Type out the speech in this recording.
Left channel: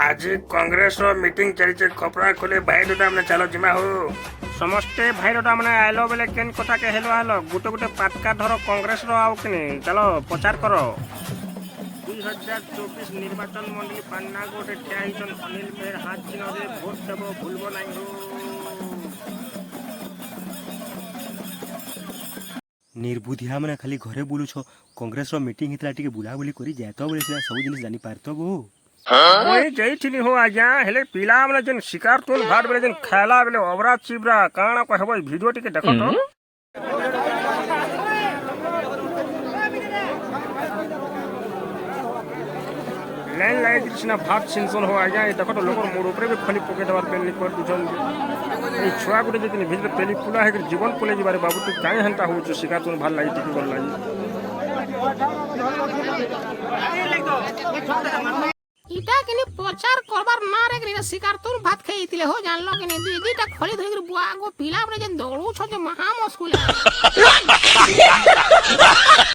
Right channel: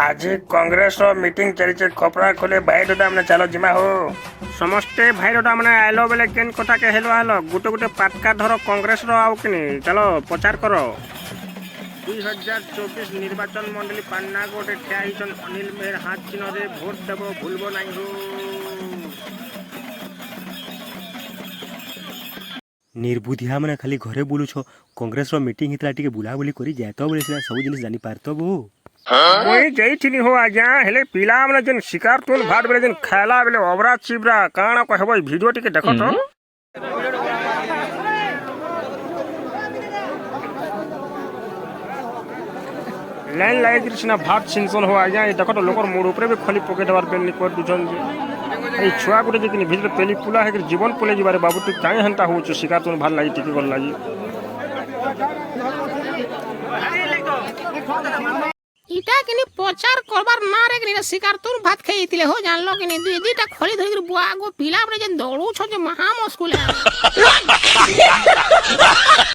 आज कांग्रेस मीटिंग चली खपरा खोले भाईडोटा मैंने चलो जिमा हो समस्ते भाईडोटा मैंने आइलो बेले केन कथा के हेलो हेलो गुटे गुटे पाटका धरो कांग्रेस रो आउ किनी चलो प्रचार करो 2024 निर्वाचन मंडली पान्ना गोटे ठिया हिचन अनिल मेहर हाथ चिन्ह रे भोट देबो भूलबो नाही हो। निर्बुद्धिया मैंने खाली घरे बुलुछ कांग्रेस रो मीटिंग हितला टिके बुलाबुली करी जातो बोले सिना सब जिनिस जानी पारतो बो कोई जईथिनी हो आज्ञा हेले पिला माने जन शिकार तुन भात बेले जन खाला बेले ओबरा चिबरा काना कहबो वीडियो टिके देखो तो लाइन लाइन कृष्णा भात सिंचन हो आज्ञा ये देखो तो लोकर मोड़ ऊपर भी खली पके देवार बेल कर दुजन ए छुआ गुटे जे भितर पेली पुला है जीवन पुले जिबारे बाबू तू काई हंता हो शिकार तुन भात लाई टिके गल लाई इटा किनी प्रचार करबार ना रे किनी शिकार तुन भात खाइतिले हो जानलो किनी दुई दुईटा खली धरि बुआ गो पिला रे जन दौड़ू छ जे महा मुश्किल है।